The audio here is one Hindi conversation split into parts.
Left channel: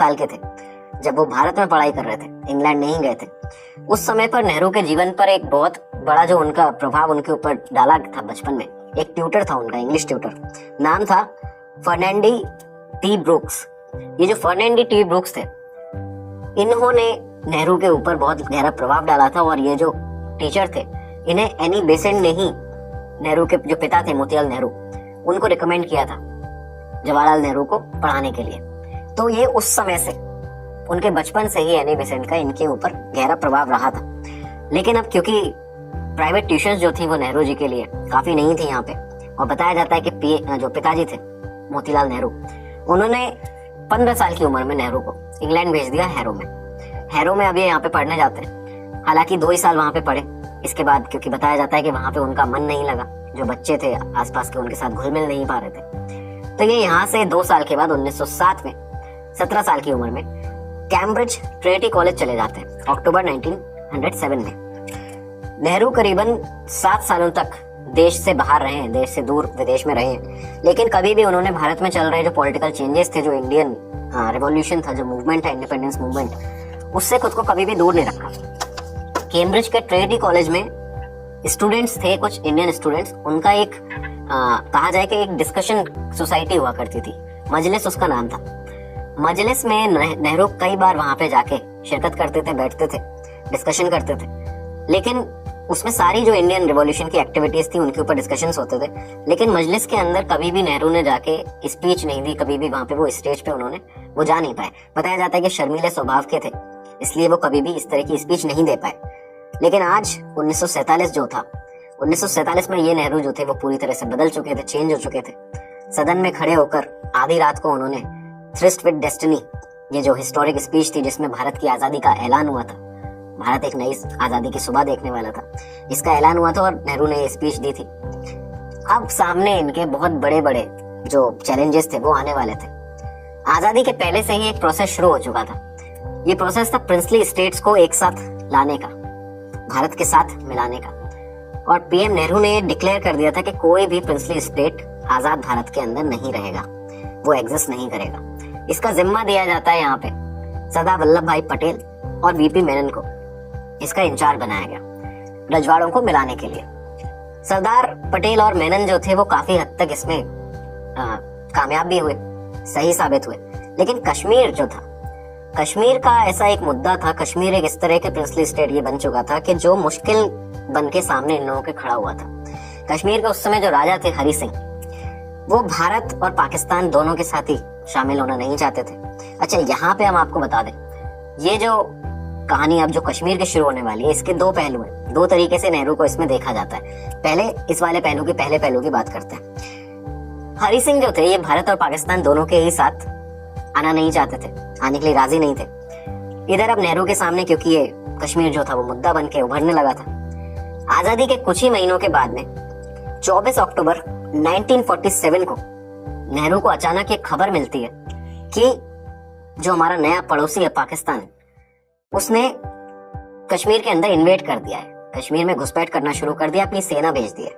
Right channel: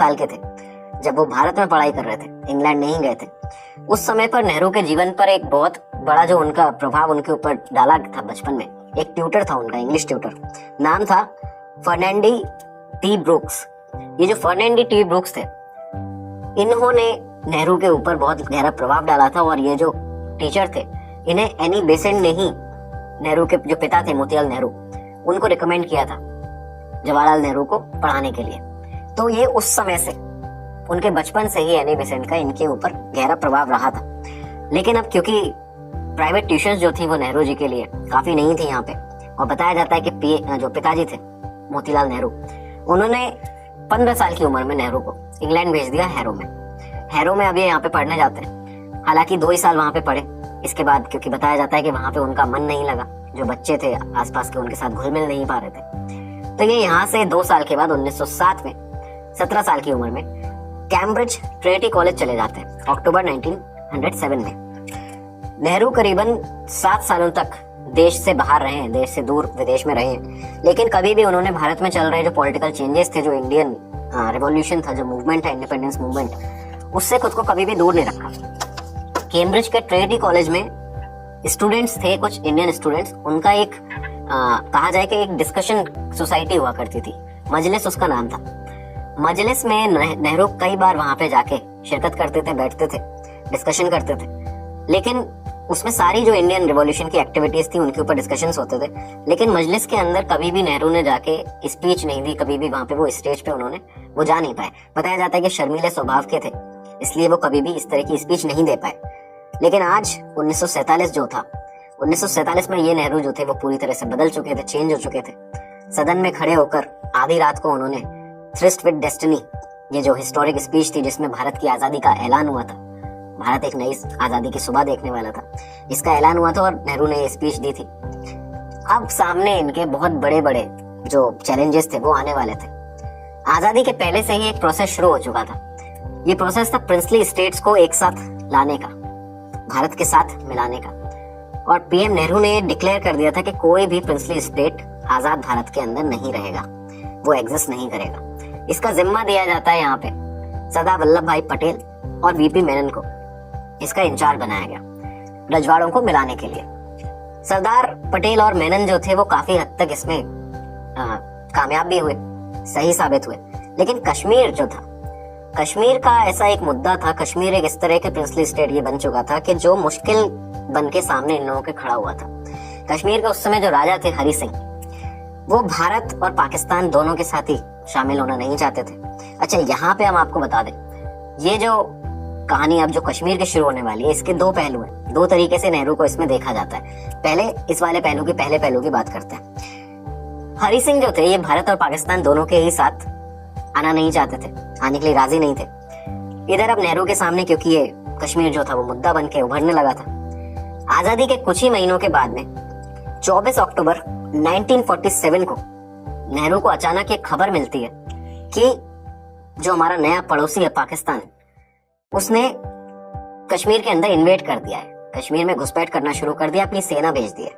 साल के थे जब वो भारत में पढ़ाई कर रहे थे, इंग्लैंड नहीं गए थे। उस समय पर नेहरू के जीवन पर एक बहुत बड़ा जो उनका प्रभाव उनके ऊपर डाला था बचपन में, एक ट्यूटर था उनका, इंग्लिश ट्यूटर, नाम था फर्नांडी टी ब्रूक्स। ये जो फर्नांडी टी ब्रूक्स थे, इन्होंने नेहरू के ऊपर बहुत गहरा प्रभाव डाला था। और ये जो टीचर थे, इन्हें एनी बेसेंट ने ही नेहरू के जो पिता थे मोतीलाल नेहरू, उनको रिकमेंड किया था जवाहरलाल नेहरू को पढ़ाने के लिए। तो ये उस समय से, उनके बचपन से ही एनी बेसेंट का इनके ऊपर गहरा प्रभाव रहा था। लेकिन अब क्योंकि प्राइवेट ट्यूशंस जो थी वो नेहरू जी के लिए काफी नहीं थी यहाँ पे, और बताया जाता है कि जो पिताजी थे मोतीलाल नेहरू, उन्होंने 15 साल की उम्र में नेहरू को इंग्लैंड भेज दिया हैरो में। अब ये यहाँ पे पढ़ने जाते हैं। हालांकि 2 ही साल वहां पे पढ़े, इसके बाद क्योंकि बताया जाता है कि वहां पे उनका मन नहीं लगा, जो बच्चे थे आसपास के उनके साथ घुल मिल नहीं पा रहे थे। तो ये यहाँ से 2 साल के बाद 1907 में 17 साल की उम्र में कैम्ब्रिज ट्रिनिटी कॉलेज चले जाते हैं, अक्टूबर 1907 में। नेहरू करीबन 7 सालों तक देश से बाहर रहे हैं, देश से दूर विदेश में रहे हैं, लेकिन कभी भी उन्होंने भारत में चल रहे जो पॉलिटिकल चेंजेस थे, जो इंडियन रिवॉल्यूशन था, जो मूवमेंट है, इंडिपेंडेंस मूवमेंट, उससे खुद को कभी भी दूर नहीं रखा। कैम्ब्रिज के ट्रिनिटी कॉलेज में स्टूडेंट्स थे, कुछ इंडियन स्टूडेंट्स, उनका एक कहा जाए कि एक डिस्कशन सोसाइटी हुआ करती थी, मजलिस उसका नाम था। मजलिस में नेहरू कई बार वहां पे जाके शिरकत करते थे, बैठते थे, डिस्कशन करते थे। लेकिन उसमें सारी जो इंडियन रिवॉल्यूशन की एक्टिविटीज थी उनके ऊपर डिस्कशंस होते थे। लेकिन मजलिस के अंदर कभी भी नेहरू ने जाके स्पीच नहीं दी, कभी भी वहां पे वो स्टेज पे उन्होंने वो जा नहीं पाए। बताया जाता है कि शर्मीले स्वभाव के थे, इसलिए वो कभी भी इस तरह की स्पीच नहीं दे पाए। लेकिन आज 1947 जो था, 1947 में ये नेहरू जो थे वो पूरी तरह से बदल चुके थे, चेंज हो चुके थे। सदन में खड़े होकर आधी रात को उन्होंने थ्रिस्ट विद डेस्टिनी, ये जो हिस्टोरिक स्पीच थी जिसमें भारत की आजादी का ऐलान हुआ था, भारत एक नई आजादी की सुबह देखने वाला था, इसका ऐलान हुआ था और नेहरू ने ये स्पीच दी थी। अब सामने इनके बहुत बड़े बड़े जो चैलेंजेस थे वो आने वाले थे। आजादी के पहले से ही एक प्रोसेस शुरू हो चुका था। ये प्रोसेस था प्रिंसली स्टेट्स को एक साथ लाने का, भारत के साथ मिलाने का। और पीएम नेहरू ने डिक्लेयर कर दिया था कि कोई भी प्रिंसली स्टेट आजाद भारत के अंदर नहीं रहेगा, वो एग्जिस्ट नहीं करेगा। इसका जिम्मा दिया जाता है यहाँ पे सरदार वल्लभ भाई पटेल और वीपी मेनन को, इसका इंचार्ज बनाया गया रजवाड़ों को मिलाने के लिए। सरदार पटेल और मेनन जो थे वो काफी हद तक इसमें कामयाब भी हुए, सही साबित हुए। लेकिन कश्मीर जो था, कश्मीर का ऐसा एक मुद्दा था, कश्मीर एक इस तरह के प्रिंसली स्टेट ये बन चुका था कि जो मुश्किल बन के सामने इन लोगों के खड़ा हुआ था। कश्मीर के उस समय जो राजा थे हरि सिंह, वो भारत और पाकिस्तान दोनों के साथ ही शामिल होना नहीं चाहते थे। अच्छा, यहाँ पे हम आपको बता दें, ये जो कहानी अब जो कश्मीर की शुरू होने वाली है, इसके 2 पहलू हैं। 2 तरीके से नेहरू को इसमें देखा जाता है। पहले इस वाले पहले पहलू की बात करते हैं। हरि सिंह जो थे ये भारत और पाकिस्तान दोनों के ही साथ आना नहीं चाहते थे, आने के लिए राजी नहीं थे। इधर अब नेहरू के सामने क्योंकि ये कश्मीर जो था वो मुद्दा बन के उभरने लगा था। आजादी के कुछ ही महीनों के बाद में 24 अक्टूबर 1947 को नेहरू को अचानक एक खबर मिलती है कि जो हमारा नया पड़ोसी है पाकिस्तान, उसने कश्मीर के अंदर इन्वेड कर दिया है, कश्मीर में घुसपैठ करना शुरू कर दिया, अपनी सेना भेज दी है।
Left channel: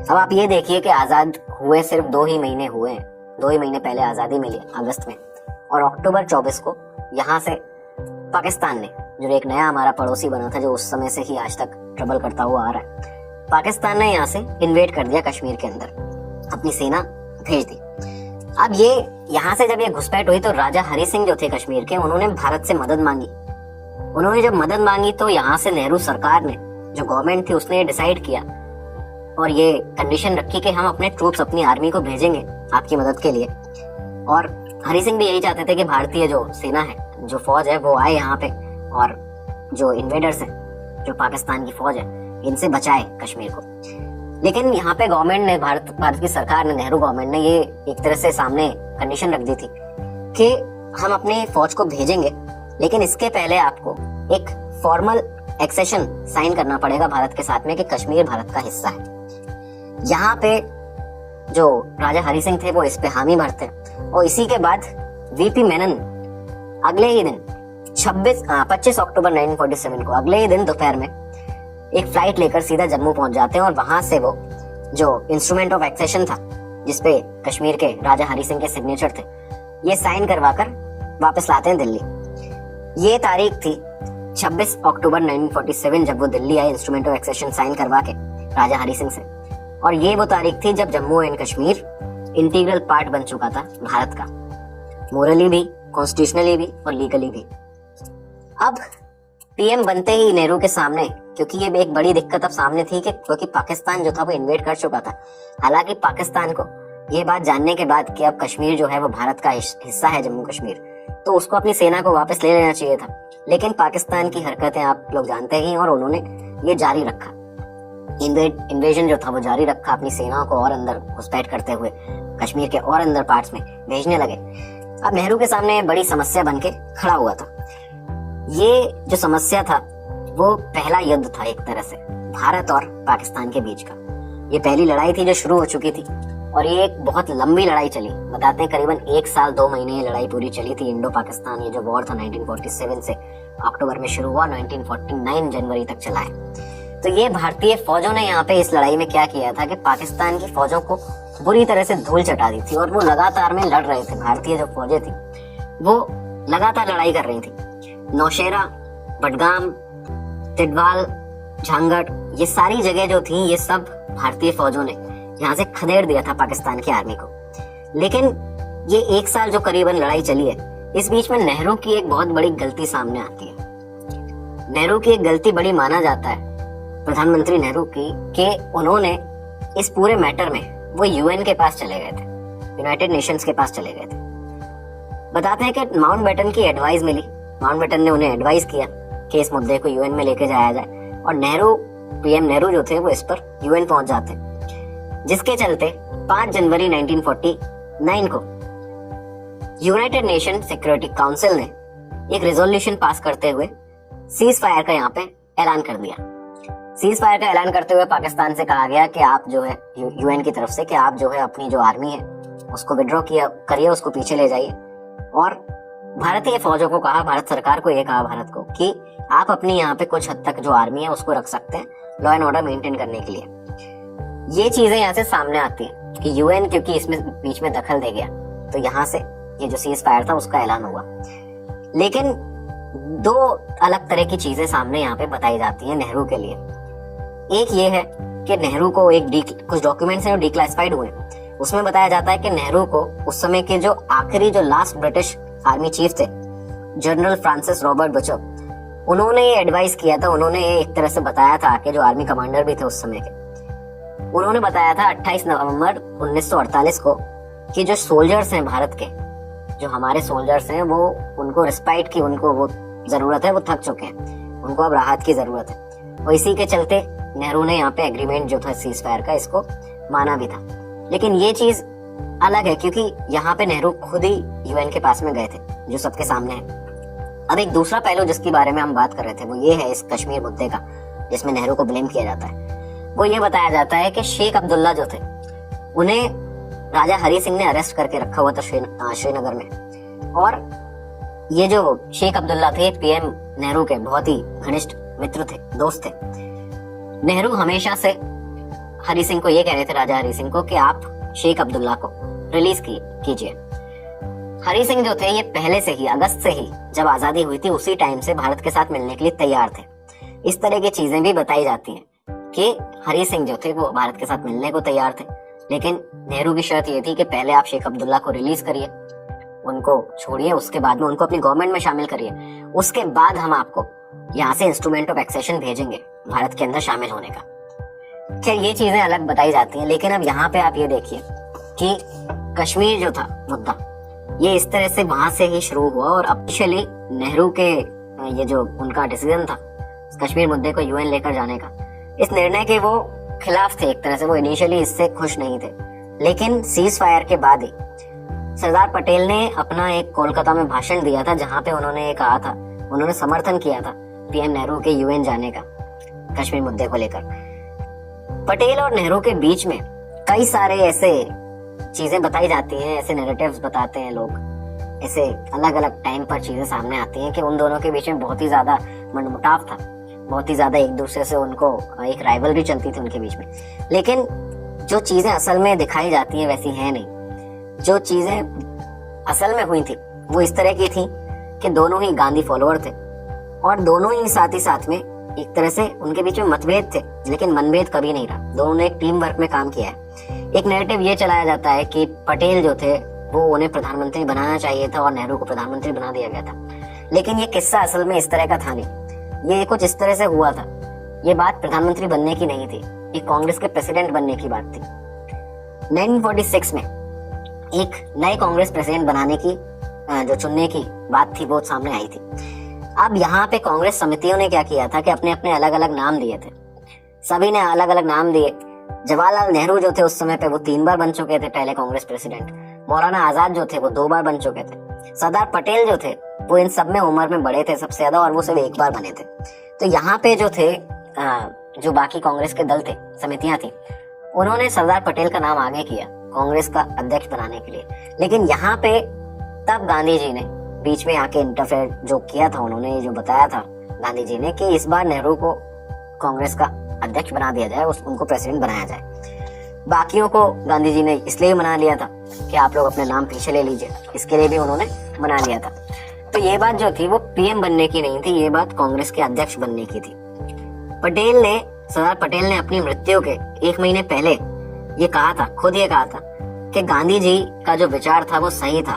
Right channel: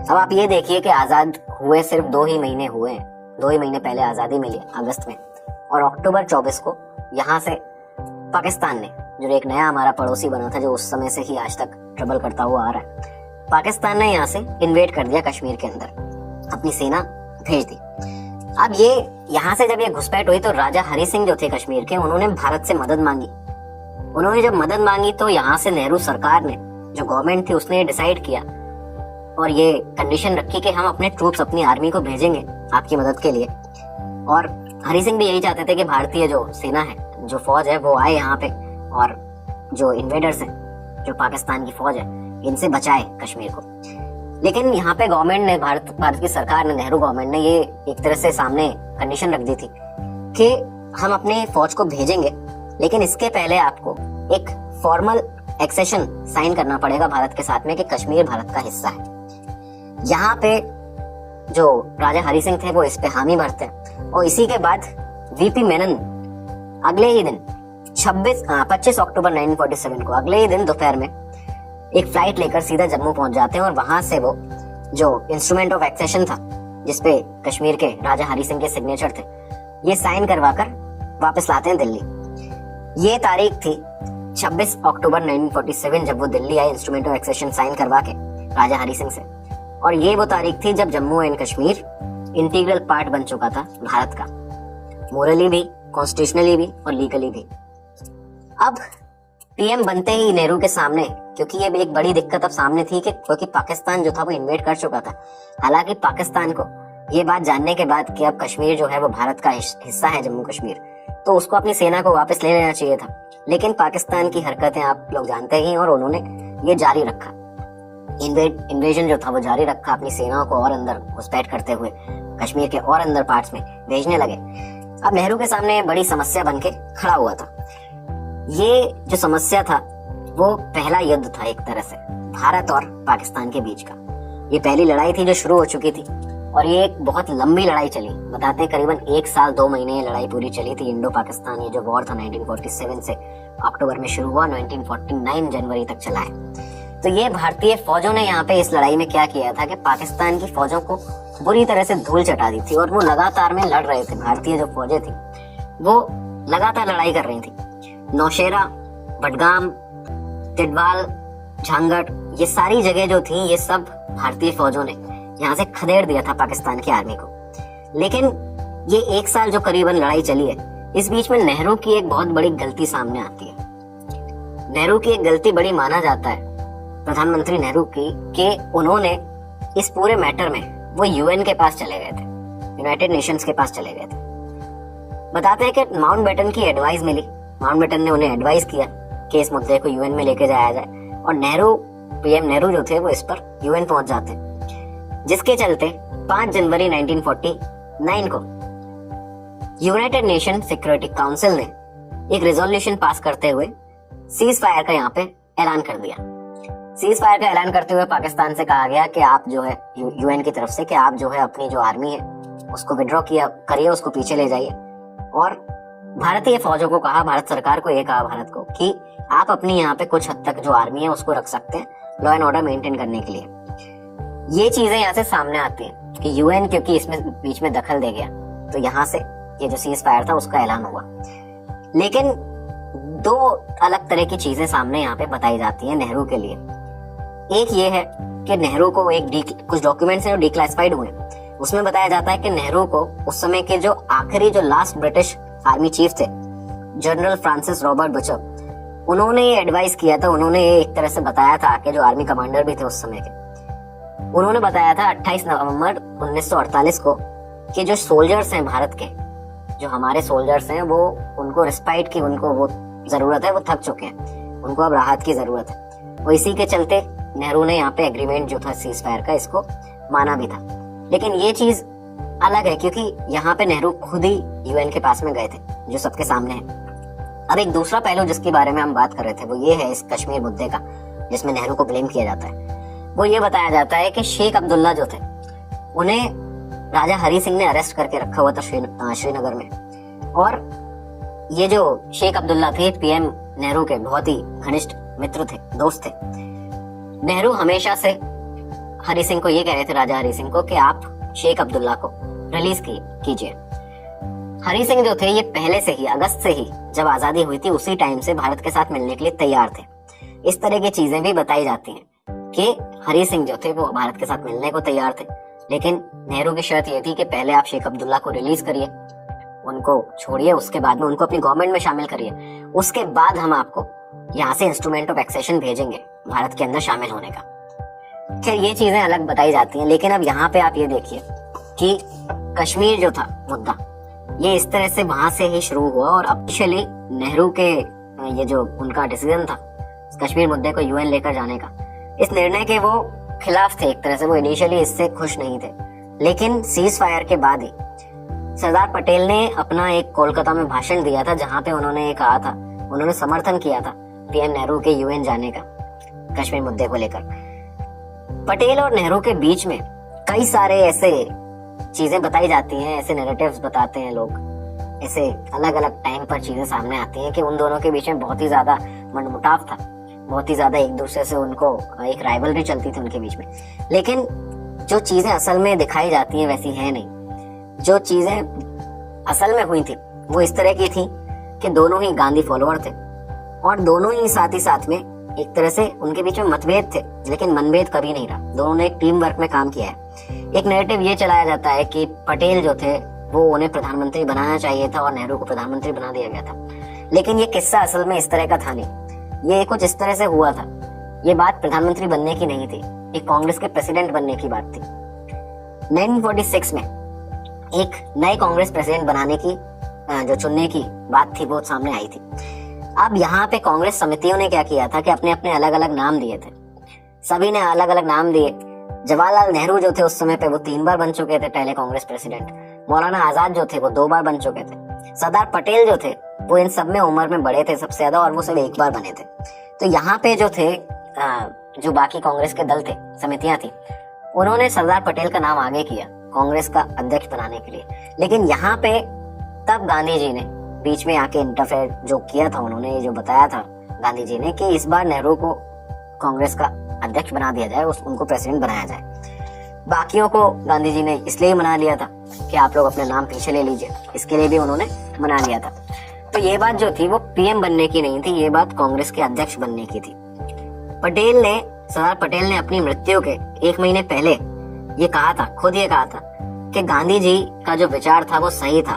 अब आप ये देखिए कि आजाद हुए सिर्फ 2 ही महीने हुए हैं, 2 ही महीने पहले आजादी मिली अगस्त में, और अक्टूबर 24 को यहाँ से पाकिस्तान ने, जो एक नया हमारा पड़ोसी बना था, जो उस समय से ही आज तक ट्रबल करता हुआ आ रहा है, पाकिस्तान ने यहाँ से इन्वेड कर दिया कश्मीर के अंदर, अपनी सेना भेज दी। अब ये यहाँ से जब ये घुसपैठ हुई तो राजा हरि सिंह जो थे कश्मीर के, उन्होंने भारत से मदद मांगी। उन्होंने जब मदद मांगी तो यहाँ से नेहरू सरकार ने, जो गवर्नमेंट थी, उसने डिसाइड किया और ये कंडीशन रखी कि हम अपने ट्रूप्स, अपनी आर्मी को भेजेंगे आपकी मदद के लिए। और हरि सिंह भी यही चाहते थे कि भारतीय जो सेना है, जो फौज है, वो आए यहाँ पे और जो इन्वेडर्स हैं, जो पाकिस्तान की फौज है, इनसे बचाए कश्मीर को। लेकिन यहाँ पे गवर्नमेंट ने, भारत की सरकार ने, नेहरू गवर्नमेंट ने ये एक तरह से सामने कंडीशन रख दी थी कि हम अपने फौज को भेजेंगे, लेकिन इसके पहले आपको एक फॉर्मल एक्सेशन साइन करना पड़ेगा भारत के साथ में कि कश्मीर भारत का हिस्सा है। यहाँ पे जो राजा हरि सिंह थे वो इस पे हामी भरते हैं। और इसी के बाद वीपी मेनन अगले ही दिन 25 अक्टूबर 1947 को, अगले ही दिन दोपहर में एक फ्लाइट लेकर सीधा जम्मू पहुंच जाते हैं और वहां से वो जो इंस्ट्रूमेंट ऑफ एक्सेशन था, जिसपे कश्मीर के राजा हरि सिंह के सिग्नेचर थे, ये साइन करवाकर वापस लाते हैं दिल्ली। ये तारीख थी 26 अक्टूबर 1947 जब वो दिल्ली आए इंस्ट्रूमेंट ऑफ एक्सेशन साइन करवा के राजा हरि सिंह से। और ये वो तारीख थी जब Jammu and Kashmir integral part बन चुका था भारत का, मोरली भी, कॉन्स्टिट्यूशनली भी और लीगली भी। अब पीएम बनते ही नेहरू के सामने, क्योंकि ये एक बड़ी दिक्कत अब सामने थी कि क्योंकि पाकिस्तान जो था वो इन्वेड कर चुका था। हालांकि पाकिस्तान को ये बात जानने के बाद कि अब कश्मीर जो है वो भारत का हिस्सा है, जम्मू कश्मीर, तो उसको अपनी सेना को वापस ले लेना चाहिए था। लेकिन पाकिस्तान की हरकतें आप लोग जानते ही हैं और उन्होंने ये जारी रखा, इन्वेजन जो था वो जारी रखा, अपनी सेनाओं को और अंदर घुसपैठ करते हुए कश्मीर के और अंदर पार्ट्स में भेजने लगे। अब नेहरू के सामने बड़ी समस्या बनके खड़ा हुआ था। ये जो समस्या था वो पहला युद्ध था एक तरह से भारत और पाकिस्तान के बीच का। ये पहली लड़ाई थी जो शुरू हो चुकी थी और ये एक बहुत लंबी लड़ाई चली। बताते हैं करीबन 1 साल 2 महीने ये लड़ाई पूरी चली थी। इंडो पाकिस्तान ये जो वॉर था 1947 से अक्टूबर में शुरू हुआ, 1949 जनवरी तक चला है। तो ये भारतीय फौजों ने यहाँ पे इस लड़ाई में क्या किया था कि पाकिस्तान की फौजों को बुरी तरह से धूल चटा दी थी और वो लगातार में लड़ रहे थे। भारतीय जो फौजें थी वो लगातार लड़ाई कर रही थी। नौशेरा, बडगाम, तिडवाल, झांगट, ये सारी जगह जो थी ये सब भारतीय फौजों ने यहाँ से खदेड़ दिया था पाकिस्तान की आर्मी को। लेकिन ये 1 साल जो करीबन लड़ाई चली है, इस बीच में नेहरू की एक बहुत बड़ी गलती सामने आती है। नेहरू की एक गलती बड़ी माना जाता है प्रधानमंत्री नेहरू की, कि उन्होंने इस पूरे मैटर में वो यूएन के पास चले गए थे, यूनाइटेड नेशंस के पास चले गए थे। बताते हैं कि माउंटबेटन की एडवाइस मिली, माउंटबेटन ने उन्हें एडवाइस किया कि इस मुद्दे को यूएन में लेके जाया जाए और नेहरू, पीएम नेहरू जो थे वो इस पर यूएन पहुंच जाते, जिसके चलते 5 जनवरी 1949 को यूनाइटेड नेशन सिक्योरिटी काउंसिल ने एक रेजोल्यूशन पास करते हुए सीज फायर का यहाँ पे ऐलान कर दिया। सीज फायर का ऐलान करते हुए पाकिस्तान से कहा गया कि आप जो है यूएन की तरफ से कि आप जो है अपनी जो आर्मी है उसको विड्रॉ किया करिए, उसको पीछे ले जाइए। और भारतीय फौजों को कहा, भारत सरकार को ये कहा भारत को कि आप अपनी यहाँ पे कुछ हद तक जो आर्मी है उसको रख सकते हैं लॉ एंड ऑर्डर मेंटेन करने के लिए। ये चीजें यहाँ से सामने आती हैं कि यूएन क्योंकि इसमें बीच में दखल दे गया, तो यहाँ से ये जो सीज फायर था उसका ऐलान हुआ। लेकिन 2 अलग तरह की चीजें सामने यहाँ पे बताई जाती हैं नेहरू के लिए। एक ये है कि नेहरू को कुछ डॉक्यूमेंट्स हैं जो डिक्लासिफाइड हुए, उसमें बताया जाता है कि नेहरू को उस समय के जो आखिरी जो लास्ट ब्रिटिश आर्मी चीफ थे, जनरल फ्रांसिस रॉबर्ट बुचर, उन्होंने ये एडवाइस किया था, उन्होंने ये एक तरह से बताया था कि जो आर्मी कमांडर भी थे उस समय के, उन्होंने बताया था 28 नवंबर 1948 को कि जो सोल्जर्स हैं भारत के, जो हमारे सोल्जर्स हैं, वो उनको रिस्पाइट की उनको वो जरूरत है, वो थक चुके हैं, उनको अब राहत की जरूरत है। और इसी के चलते नेहरू ने यहाँ पे एग्रीमेंट जो था सीज फायर का, इसको माना भी था। लेकिन ये चीज अलग है क्योंकि यहाँ पे नेहरू खुद ही यूएन के पास में गए थे, जो सबके सामने है। अब एक दूसरा पहलू जिसके बारे में हम बात कर रहे थे वो ये है इस कश्मीर मुद्दे का, जिसमें नेहरू को ब्लेम किया जाता है। वो ये बताया जाता है कि शेख अब्दुल्ला जो थे उन्हें राजा हरि सिंह ने अरेस्ट करके रखा हुआ था श्रीनगर में। और ये जो शेख अब्दुल्ला थे पीएम नेहरू के बहुत ही घनिष्ठ मित्र थे, दोस्त थे। नेहरू हमेशा से हरि सिंह को ये कह रहे थे, राजा हरि सिंह को, कि आप शेख अब्दुल्ला को रिलीज कीजिए। हरि सिंह जो थे ये पहले से ही, अगस्त से ही जब आजादी हुई थी उसी टाइम से भारत के साथ मिलने के लिए तैयार थे। इस तरह की चीजें भी बताई जाती हैं कि हरि सिंह जो थे वो भारत के साथ मिलने को तैयार थे, लेकिन नेहरू की शर्त ये थी कि पहले आप शेख अब्दुल्ला को रिलीज करिए, उनको छोड़िए, उसके बाद में उनको अपनी गवर्नमेंट में शामिल करिए, उसके बाद हम आपको यहाँ से इंस्ट्रूमेंट ऑफ एक्सेशन भेजेंगे भारत के अंदर शामिल होने का। खैर ये चीजें अलग बताई जाती हैं, लेकिन अब यहाँ पे आप ये देखिए कि कश्मीर जो था मुद्दा, ये इस तरह से वहां से ही शुरू हुआ और ऑफिशियली नेहरू के ये जो उनका डिसीजन था कश्मीर मुद्दे को यूएन लेकर जाने का, इस निर्णय के वो खिलाफ थे। एक तरह से वो इनिशियली इससे खुश नहीं थे, लेकिन सीज फायर के बाद ही सरदार पटेल ने अपना एक कोलकाता में भाषण दिया था जहां पे उन्होंने ये कहा था, उन्होंने समर्थन किया था पीएम नेहरू के यूएन जाने का कश्मीर मुद्दे को लेकर। पटेल और नेहरू के बीच में कई सारे ऐसे चीजें बताई जाती हैं, ऐसे नैरेटिव्स बताते हैं लोग, ऐसे अलग अलग टाइम पर चीजें सामने आती हैं कि उन दोनों के बीच में बहुत ही ज्यादा मनमुटाव था, बहुत ही ज्यादा एक दूसरे से उनको एक राइवलरी चलती थी उनके बीच में। लेकिन जो चीजें असल में दिखाई जाती हैं वैसी है नहीं। जो चीजें असल में हुई थी वो इस तरह की थी कि दोनों ही गांधी फॉलोअर थे और दोनों ही साथ में एक तरह से उनके बीच में मतभेद थे, लेकिन मनभेद कभी नहीं रहा। दोनों ने एक टीम वर्क में काम किया है। एक नैरेटिव ये चलाया जाता है कि पटेल जो थे वो उन्हें प्रधानमंत्री बनाना चाहिए था और नेहरू को प्रधानमंत्री बना दिया गया था, लेकिन ये किस्सा असल में इस तरह का था नहीं। ये कुछ इस तरह से हुआ था। ये बात प्रधानमंत्री बनने की नहीं थी, ये कांग्रेस के प्रेसिडेंट बनने की बात थी। 1946 में एक नए कांग्रेस प्रेसिडेंट बनाने की जो चुनने की बात थी वो सामने आई थी। अब यहाँ पे कांग्रेस समितियों ने क्या किया था कि अपने अपने अलग अलग नाम दिए थे। सभी ने अलग अलग नाम दिए। जवाहरलाल नेहरू जो थे उस समय पे वो 3 बार बन चुके थे पहले कांग्रेस प्रेसिडेंट। मौलाना आजाद जो थे वो 2 बार बन चुके थे। सरदार पटेल जो थे वो इन सब में उम्र में बड़े थे सबसे ज्यादा और वो सिर्फ 1 बार बने थे। तो यहाँ पे जो थे जो बाकी कांग्रेस के दल थे, समितियां थी, उन्होंने सरदार पटेल का नाम आगे किया कांग्रेस का अध्यक्ष बनाने के लिए। लेकिन यहाँ पे तब गांधी जी ने बीच में आके इंटरफेयर जो किया था, उन्होंने जो बताया था गांधी जी ने कि इस बार नेहरू को कांग्रेस का अध्यक्ष बना दिया जाए, उनको प्रेसिडेंट बनाया जाए। बाकियों को गांधी जी ने इसलिए मना लिया था कि आप लोग अपने नाम पीछे ले लीजिए, इसके लिए भी उन्होंने मना लिया था। तो ये बात जो थी वो पीएम बनने की नहीं थी, ये बात कांग्रेस के अध्यक्ष बनने की थी। सरदार पटेल ने अपनी मृत्यु के 1 महीने पहले ये कहा था, खुद ये कहा था कि गांधी जी का जो विचार था वो सही था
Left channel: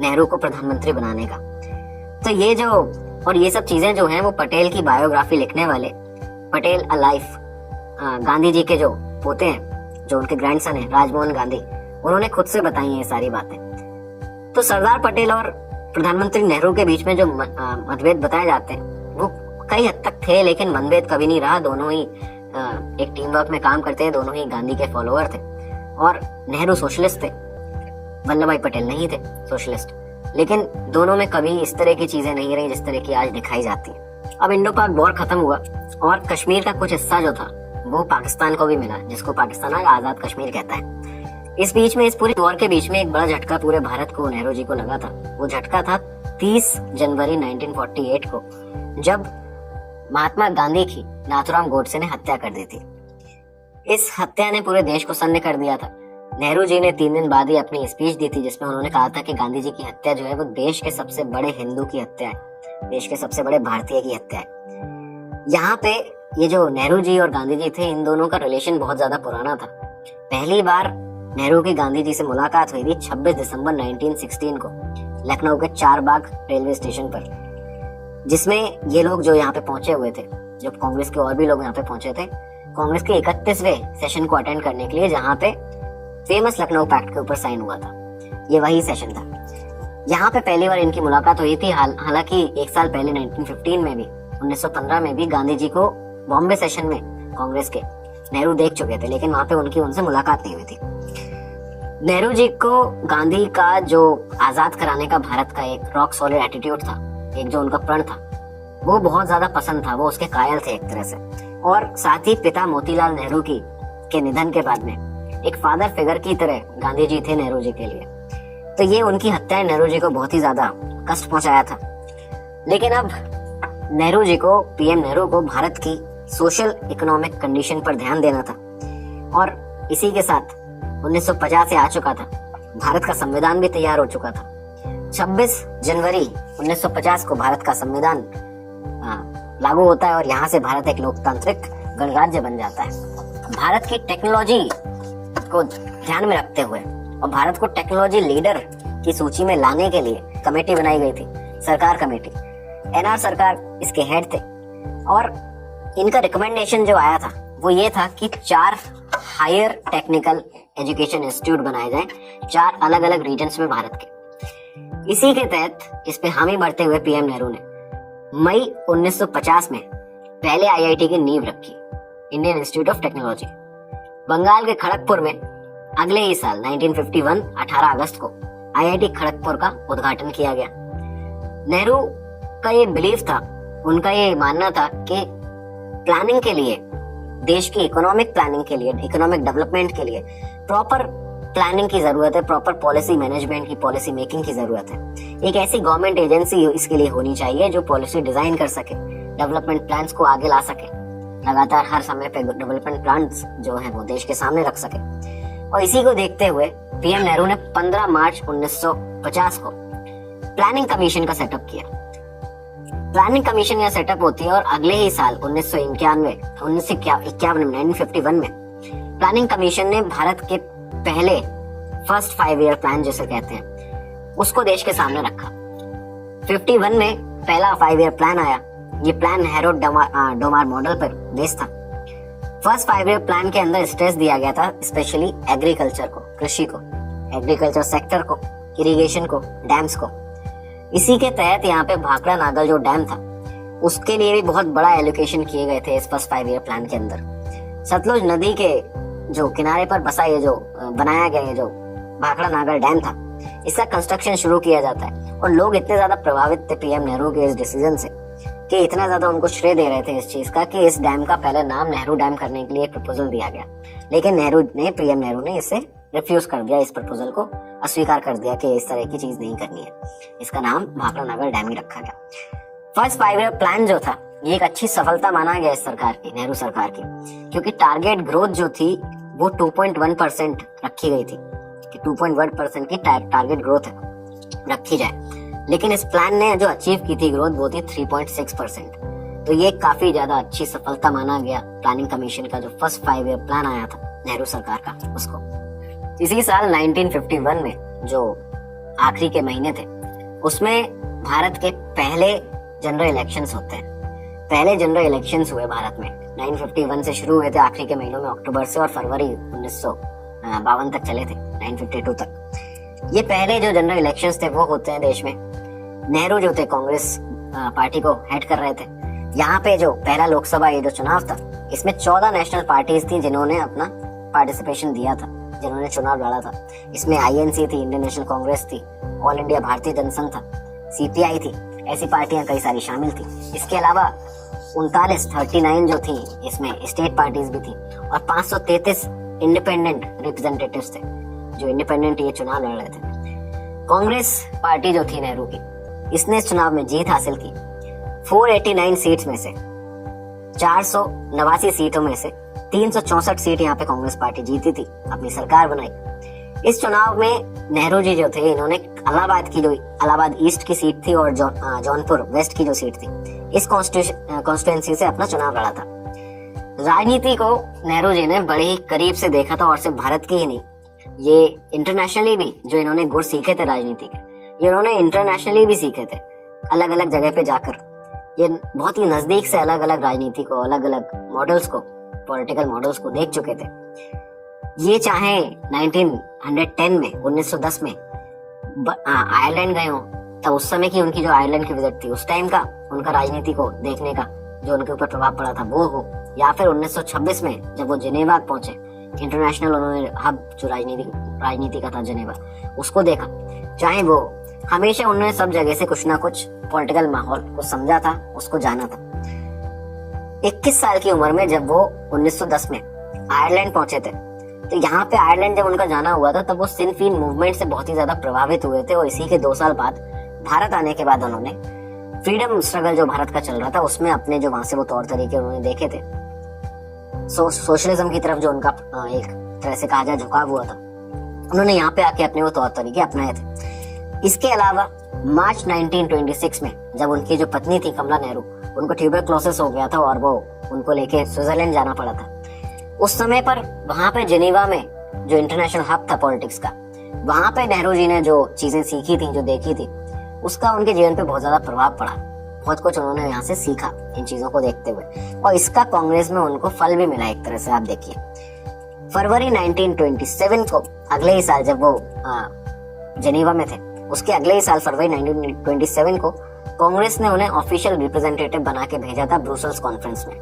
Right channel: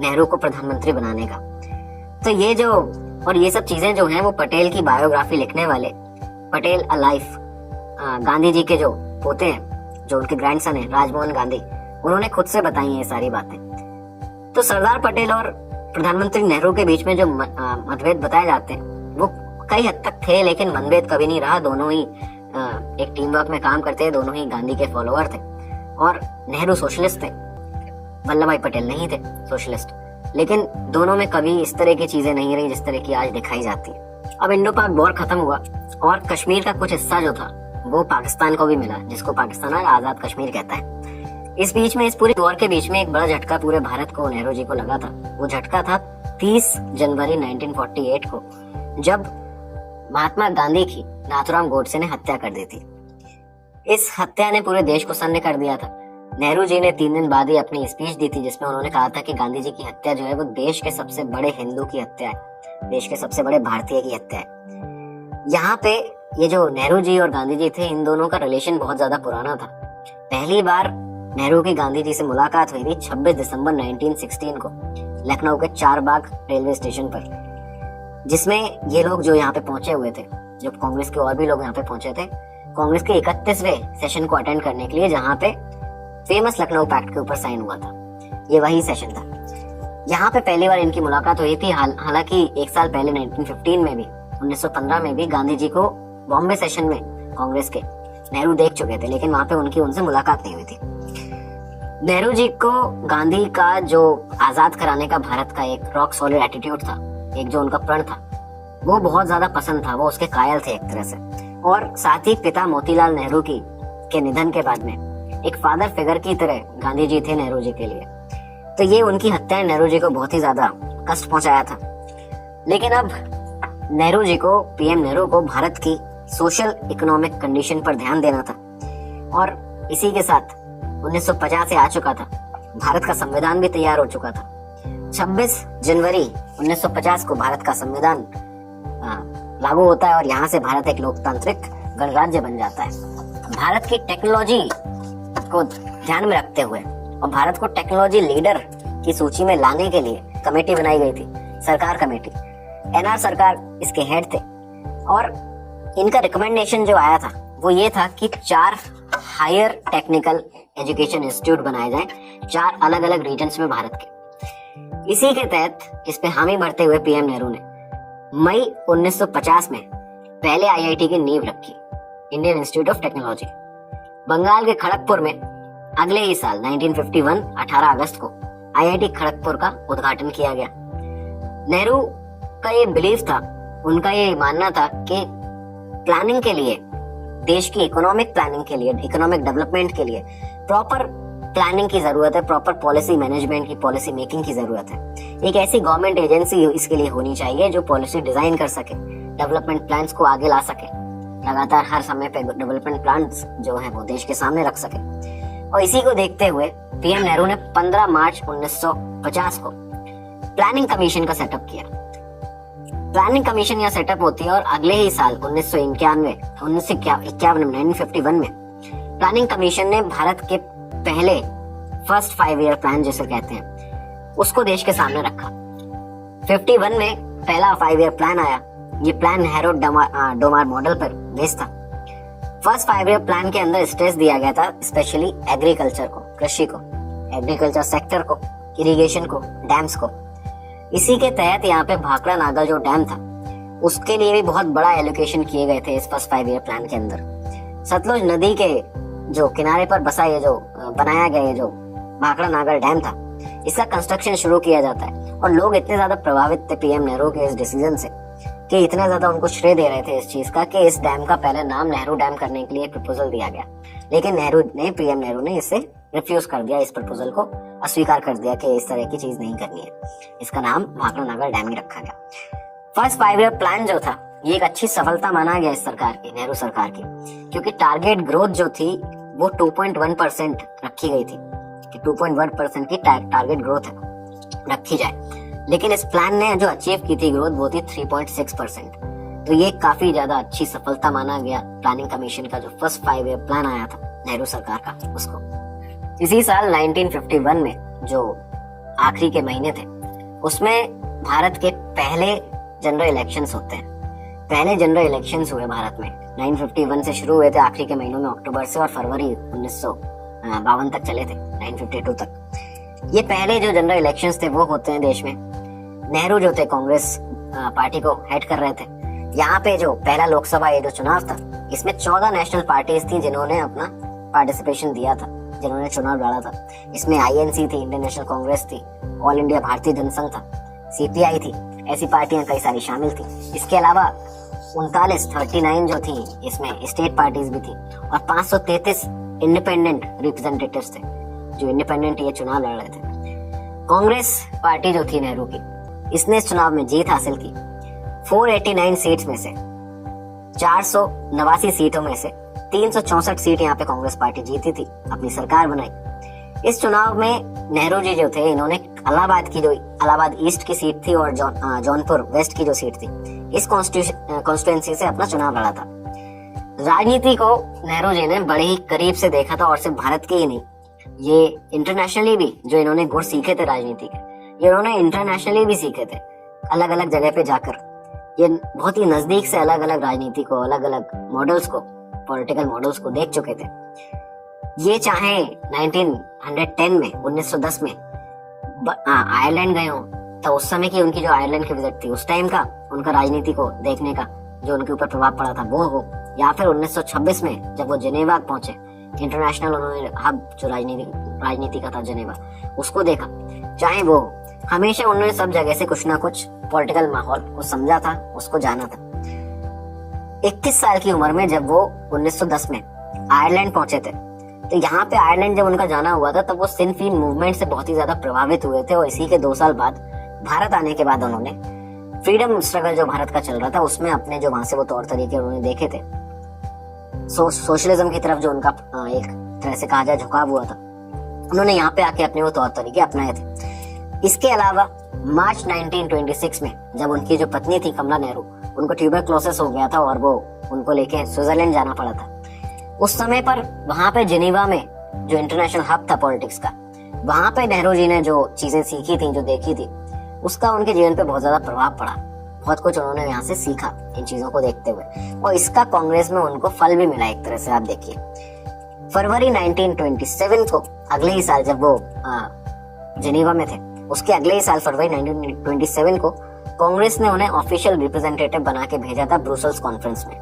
नेहरू को प्रधानमंत्री बनाने का। तो ये जो और ये सब चीजें जो हैं वो पटेल की बायोग्राफी लिखने वाले पटेल अ लाइफ गांधी जी के जो पोते हैं, जो उनके ग्रैंडसन है राजमोहन गांधी, उन्होंने खुद से बताई हैं ये सारी बातें। तो सरदार पटेल और प्रधानमंत्री नेहरू के बीच में जो मतभेद बताए जाते हैं वो कई हद तक थे, लेकिन मनभेद कभी नहीं रहा। दोनों ही एक टीम वर्क में काम करते हैं, दोनों ही गांधी के फॉलोअर थे और नेहरू सोशलिस्ट थे, वल्लभ भाई पटेल नहीं थे सोशलिस्ट। लेकिन दोनों में कभी इस तरह की चीजें नहीं रही जिस तरह की आज दिखाई जाती है। अब इंडो पाक वॉर खत्म हुआ और कश्मीर का कुछ हिस्सा जो था वो पाकिस्तान को भी मिला, जिसको पाकिस्तान आज आजाद कश्मीर कहता है। इस बीच में, इस पूरी वॉर के बीच में एक बड़ा झटका पूरे भारत को नेहरू जी को लगा था। वो झटका था 30 जनवरी 1948 को, जब महात्मा गांधी की नाथुराम गोडसे ने हत्या कर दी थी। इस हत्या ने पूरे देश को सन्न कर दिया था। नेहरू जी ने 3 दिन बाद ही अपनी स्पीच दी थी जिसमें उन्होंने कहा था कि गांधी जी की हत्या जो है वो देश के सबसे बड़े हिंदू की हत्या है, देश के सबसे बड़े भारतीय की हत्या है। यहाँ पे ये जो नेहरू जी और गांधी जी थे, इन दोनों का रिलेशन बहुत ज्यादा पुराना था। पहली बार नेहरू की गांधी जी से मुलाकात हुई थी 26 दिसंबर 1916 को लखनऊ के चारबाग रेलवे स्टेशन पर, जिसमें ये लोग जो यहाँ पे पहुंचे हुए थे, जो कांग्रेस के और भी लोग यहाँ पे पहुंचे थे, कांग्रेस के 31वें सेशन को अटेंड करने के लिए, जहाँ पे फेमस लखनऊ पैक्ट के ऊपर साइन हुआ था। ये वही सेशन था। यहाँ पे पहली बार इनकी मुलाकात हुई थी। हालांकि 1 साल पहले 1915 में भी, 1915 में भी गांधी जी को बॉम्बे सेशन में कांग्रेस के नेहरू देख चुके थे, लेकिन वहां पे उनसे मुलाकात नहीं हुई थी। नेहरू जी को गांधी का जो आजाद कराने का भारत का एक रॉक सॉलिड एटीट्यूड था, एक जो उनका प्रण था, वो बहुत ज्यादा पसंद था। वो उसके कायल थे एक तरह से। और साथ ही पिता मोतीलाल नेहरू के निधन के बाद में एक फादर फिगर की तरह गांधी जी थे नेहरू जी के लिए। तो ये उनकी हत्या नेहरू जी को बहुत ही ज्यादा कष्ट पहुंचाया था। लेकिन अब नेहरू जी को, पीएम नेहरू को भारत की सोशल इकोनॉमिक कंडीशन पर ध्यान देना था और इसी के साथ 1950 से आ चुका था। भारत का संविधान भी तैयार हो चुका था। 26 जनवरी 1950 को भारत का संविधान लागू होता है और यहाँ से भारत एक लोकतांत्रिक गणराज्य बन जाता है। भारत की टेक्नोलॉजी को ध्यान में रखते हुए और भारत को टेक्नोलॉजी लीडर की सूची में लाने के लिए कमेटी बनाई गई थी, सरकार कमेटी। एनआर सरकार इसके हेड थे और इनका रिकमेंडेशन जो आया था वो ये था कि 4 हायर टेक्निकल एजुकेशन इंस्टीट्यूट बनाए जाएं 4 अलग अलग रीजन्स में भारत के। इसी के तहत इस पे हामी भरते हुए पीएम नेहरू ने मई 1950 में पहले आईआईटी की नींव रखी, Indian Institute of Technology. Bengal के खड़गपुर में अगले ही साल 1951 18 अगस्त को आईआईटी खड़गपुर का उद्घाटन किया गया। नेहरू का ये बिलीफ था, उनका ये मानना था कि प्लानिंग के लिए, देश की इकोनॉमिक प्लानिंग के लिए, इकोनॉमिक डेवलपमेंट के लिए प्रॉपर प्लानिंग की जरूरत है, प्रॉपर पॉलिसी मैनेजमेंट की, पॉलिसी मेकिंग की जरूरत है। एक ऐसी गवर्नमेंट एजेंसी इसके लिए होनी चाहिए जो पॉलिसी डिजाइन कर सके, डेवलपमेंट प्लान्स को आगे ला सके, लगातार हर समय पे डेवलपमेंट प्लान्स जो है वो देश के सामने रख सके। और इसी को देखते हुए पीएम नेहरू ने 15 मार्च 1950 को प्लानिंग कमीशन का सेटअप किया। प्लानिंग कमीशन यह सेटअप होती है और अगले ही साल 1951 में प्लानिंग कमीशन ने भारत के पहले फर्स्ट 5 ईयर प्लान जिसे कहते हैं उसको देश के सामने रखा। 51 में पहला 5 ईयर प्लान आया। ये प्लान हैरोल्ड डोमार मॉडल पर बेस्ड था। फर्स्ट 5 ईयर प्लान के अंदर स्ट्रेस दिया गया था स्पेशली एग्रीकल्चर को, कृषि को, एग्रीकल्चर सेक्टर को, इरिगेशन को, डैम्स को। इसी के तहत यहाँ पे भाखड़ा नागल जो डैम था उसके लिए भी बहुत बड़ा एलोकेशन किए गए थे इस फर्स्ट 5 ईयर प्लान के अंदर। सतलुज नदी के जो किनारे पर बसा ये जो बनाया गया ये जो भाखड़ा नागल डैम था इसका कंस्ट्रक्शन शुरू किया जाता है और लोग इतने ज्यादा प्रभावित थे पीएम नेहरू के इस डिसीजन से कि इतना ज्यादा उनको श्रेय दे रहे थे इस चीज का कि इस डैम का पहले नाम नेहरू डैम करने के लिए एक प्रपोजल दिया गया, लेकिन पीएम नेहरू ने इसे रिफ्यूज कर दिया, इस प्रपोजल को अस्वीकार कर दिया कि इस तरह की चीज नहीं करनी है। इसका नाम भाखड़ा नागल डैम ही रखा गया। फर्स्ट 5 ईयर प्लान जो था ये एक अच्छी सफलता माना गया इस सरकार की, नेहरू सरकार की, क्योंकि टारगेट ग्रोथ जो थी वो 2.1% रखी गई थी कि 2.1% की टारगेट ग्रोथ रखी जाए, लेकिन इस प्लान ने जो अचीव की थी ग्रोथ वो थी 3.6%। तो ये काफी ज्यादा अच्छी सफलता माना गया प्लानिंग कमीशन का जो फर्स्ट 5 ईयर प्लान आया था नेहरू सरकार का उसको। इसी साल 1951 में जो आखिरी के महीने थे उसमें भारत के पहले जनरल इलेक्शंस होते हैं। पहले जनरल इलेक्शंस हुए भारत में 1951 से शुरू हुए थे, आखिरी के महीनों में अक्टूबर से और फरवरी 1952 तक चले थे, 1952 तक। ये पहले जो जनरल इलेक्शंस थे वो होते हैं देश में। नेहरू जो थे कांग्रेस पार्टी को हेड कर रहे थे। यहाँ पे जो पहला लोकसभा ये जो चुनाव था इसमें 14 नेशनल पार्टीज थी जिन्होंने अपना पार्टिसिपेशन दिया था, जिन्होंने चुनाव लड़ा था। इसमें आईएनसी थी, इंडियन नेशनल कांग्रेस थी, ऑल इंडिया भारतीय जनसंघ था, सीपीआई थी, ऐसी पार्टियां कई सारी शामिल थी। इसके अलावा 39 जो थी इसमें स्टेट पार्टीज भी थी और 533 इंडिपेंडेंट रिप्रेजेंटेटिव्स थे जो इंडिपेंडेंट ये चुनाव लड़ रहे थे। कांग्रेस पार्टी जो थी नेहरू की इसने इस चुनाव में जीत हासिल की। 489 सीट्स में से 489 सीटों में से 364 सीट यहाँ पे कांग्रेस पार्टी जीती थी, अपनी सरकार बनाई। इस चुनाव में नेहरू जी जो थे इन्होंने इलाहाबाद ईस्ट की सीट थी और जौनपुर वेस्ट की जो सीट थी इस कॉन्स्टिट्यूएंसी से अपना चुनाव लड़ा था। राजनीति को नेहरू जी ने बड़े ही करीब से देखा था और सिर्फ भारत के ही नहीं, ये इंटरनेशनली भी जो इन्होंने गुण सीखे थे राजनीति के ये इन्होंने इंटरनेशनली भी सीखे थे। अलग अलग जगह पे जाकर ये बहुत ही नजदीक से अलग अलग राजनीति को, अलग अलग मॉडल्स को, पॉलिटिकल मॉडल्स को देख चुके थे। ये चाहे 1910 में 1910 में आयरलैंड गए हो तो उस समय की उनकी जो आयरलैंड की विजिट थी उस टाइम का उनका राजनीति को देखने का जो उनके ऊपर प्रभाव पड़ा था वो हो, या फिर 1926 में जब वो जेनेवा पहुंचे, इंटरनेशनल उन्होंने हब जो राजनीति का था जेनेवा उसको देखा। चाहे वो हमेशा उन्होंने सब जगह से कुछ ना कुछ पॉलिटिकल माहौल को समझा था, उसको जाना था। 21 साल की उम्र में जब वो 1910 में आयरलैंड पहुंचे थे तो यहाँ पे आयरलैंड जब उनका जाना हुआ था तब वो सिन फेइन मूवमेंट से बहुत ही ज्यादा प्रभावित हुए थे और इसी के 2 साल बाद भारत आने के बाद उन्होंने फ्रीडम स्ट्रगल जो भारत का चल रहा था उसमें अपने जो वहां से वो तौर तरीके उन्होंने देखे थे, सोशलिज्म की तरफ जो उनका एक तरह से कहा जाए झुकाव हुआ था, उन्होंने यहाँ पे आके अपने वो तौर तरीके अपनाए थे। इसके अलावा मार्च 1926 में जब उनकी जो पत्नी थी कमला नेहरू उनको ट्यूबरक्लोसिस हो गया था और वो उनको लेके स्विट्जरलैंड जाना पड़ा था। उस समय पर वहां पे जेनेवा में जो इंटरनेशनल हब था पॉलिटिक्स का, वहां पे नेहरू जी ने जो चीजें सीखी थी, जो देखी थी, उसका उनके जीवन पे बहुत ज्यादा प्रभाव पड़ा। बहुत कुछ उन्होंने यहाँ से सीखा इन चीजों को देखते हुए और इसका कांग्रेस में उनको फल भी मिला एक तरह से। आप देखिए फरवरी 1927 को अगले ही साल जब वो जेनेवा में थे उसके अगले ही साल फरवरी 1927 को कांग्रेस ने उन्हें ऑफिशियल रिप्रेजेंटेटिव बना के भेजा था ब्रुसेल्स कॉन्फ्रेंस में।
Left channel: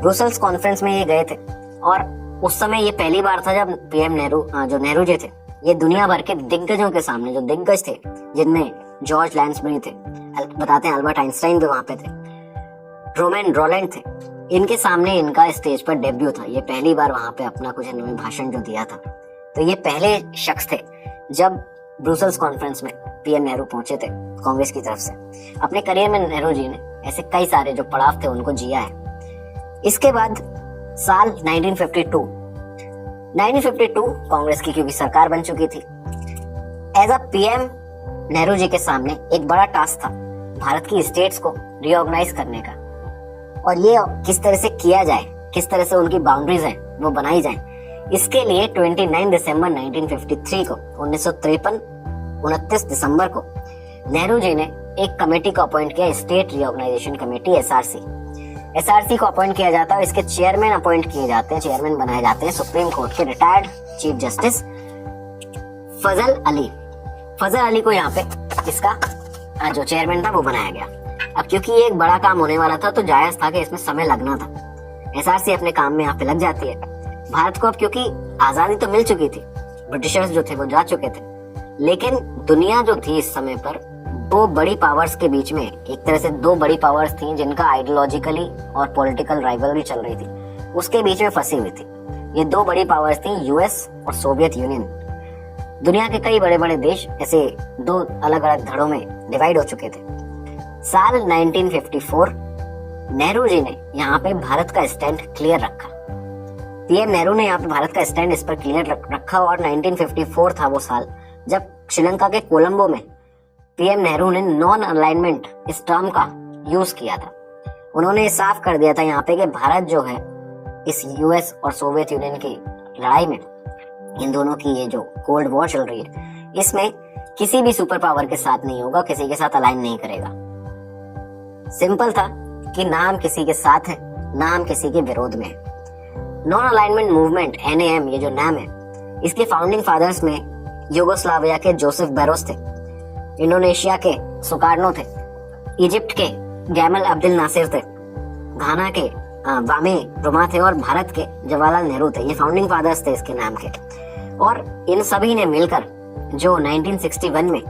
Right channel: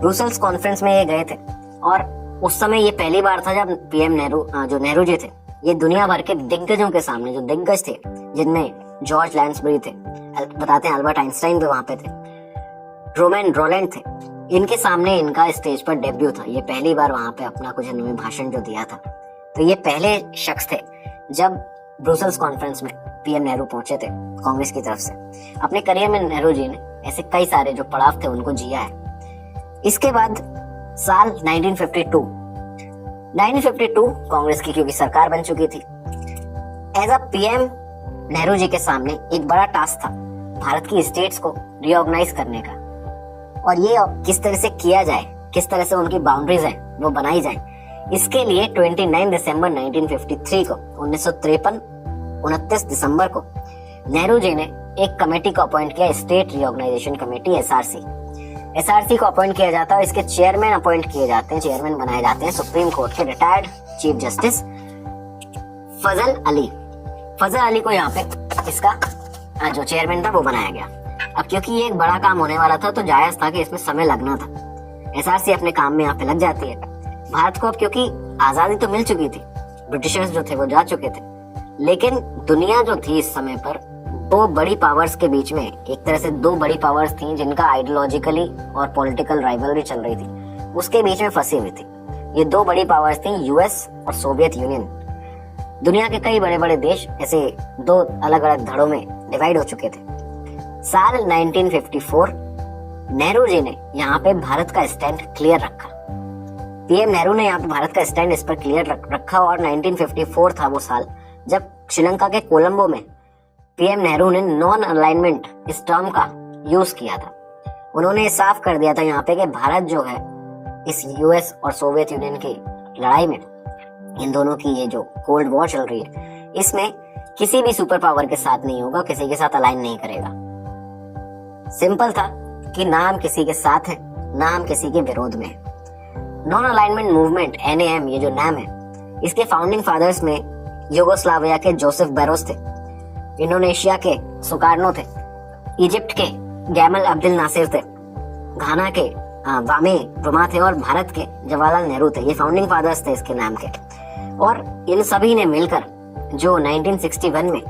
ब्रुसेल्स कॉन्फ्रेंस में ये गए थे और उस समय ये पहली बार था जब पीएम नेहरू जो नेहरू जी थे ये दुनिया भर के दिग्गजों के सामने, जो दिग्गज थे जिनमें जॉर्ज लैंसबरी थे, बताते हैं अल्बर्ट आइंस्टाइन भी वहां पे थे, रोमैन रोलैंड थे, इनके सामने इनका स्टेज पर डेब्यू था। ये पहली बार वहां पे अपना कुछ इन्होंने भाषण जो दिया था। तो ये पहले शख्स थे जब ब्रुसेल्स कॉन्फ्रेंस में पीएम नेहरू पहुंचे थे कांग्रेस की तरफ से। अपने करियर में नेहरू जी ने ऐसे कई सारे जो पड़ाव थे उनको जिया है। इसके बाद साल 1952 कांग्रेस की क्योंकि सरकार बन चुकी थी, as a PM Nehru ji के सामने एक बड़ा टास्क था भारत की स्टेट्स को रिऑर्गेनाइज करने का, और ये किस तरह से किया जाए, किस तरह से उनकी बाउंड्रीज है वो बनाई जाए। इसके लिए 29 दिसंबर 1953 को 29 दिसंबर को नेहरू जी ने एक कमेटी को अपॉइंट किया, स्टेट रिऑर्गेनाइजेशन कमेटी एसआरसी को अपॉइंट किया जाता है और इसके चेयरमैन अपॉइंट किए जाते हैं, चेयरमैन बनाए जाते हैं सुप्रीम कोर्ट के रिटायर्ड चीफ जस्टिस फजल अली को यहाँ पे इसका जो चेयरमैन था वो बनाया गया। अब क्योंकि ये एक बड़ा काम होने वाला था तो जायज था कि इसमें समय लगना था। एसआरसी अपने काम में यहाँ पे लग जाती है। भारत को अब क्योंकि आजादी तो मिल चुकी थी, ब्रिटिशर्स जो थे वो जा चुके थे, लेकिन दुनिया जो थी इस समय पर दो बड़ी पावर्स के बीच में, एक तरह से दो बड़ी पावर्स थी जिनका आइडियोलॉजिकली और पॉलिटिकल राइवलरी चल रही थी, उसके बीच में फंसी हुई थी। ये दो बड़ी पावर्स थी यूएस और सोवियत यूनियन। दुनिया के कई बड़े बड़े देश ऐसे दो अलग अलग धड़ों में डिवाइड हो चुके थे। साल 1954 नेहरू जी ने यहाँ पे भारत का स्टैंड क्लियर रखा। पीएम नेहरू ने यहाँ पे भारत का स्टैंड इस पर क्लियर रखा और 1954 था वो साल जब श्रीलंका के कोलंबो में पीएम नेहरू ने नॉन अलाइनमेंट इस टर्म का यूज किया था। उन्होंने साफ कर दिया था यहाँ पे कि भारत जो है इस यूएस और सोवियत यूनियन की लड़ाई में, इन दोनों की ये जो कोल्ड वॉर चल रही है, इसमें किसी भी सुपर पावर के साथ नहीं होगा, किसी के साथ अलाइन नहीं करेगा। सिंपल था कि ना हम किसी के साथ हैं, ना हम किसी के विरोध में। नॉन अलाइनमेंट मूवमेंट NAM, ये जो नाम है, इसके फाउंडिंग फादर्स में यूगोस्लाविया के जोसेफ बेरोस थे, इंडोनेशिया के सुकार्नो थे, इजिप्ट के गैमल अब्दुल नासिर थे, घाना के वामी रुमा थे और भारत के जवाहरलाल नेहरू थे। ये फाउंडिंग फादर्स थे इसके नाम के। और इन सभी ने मिलकर जो 1961 में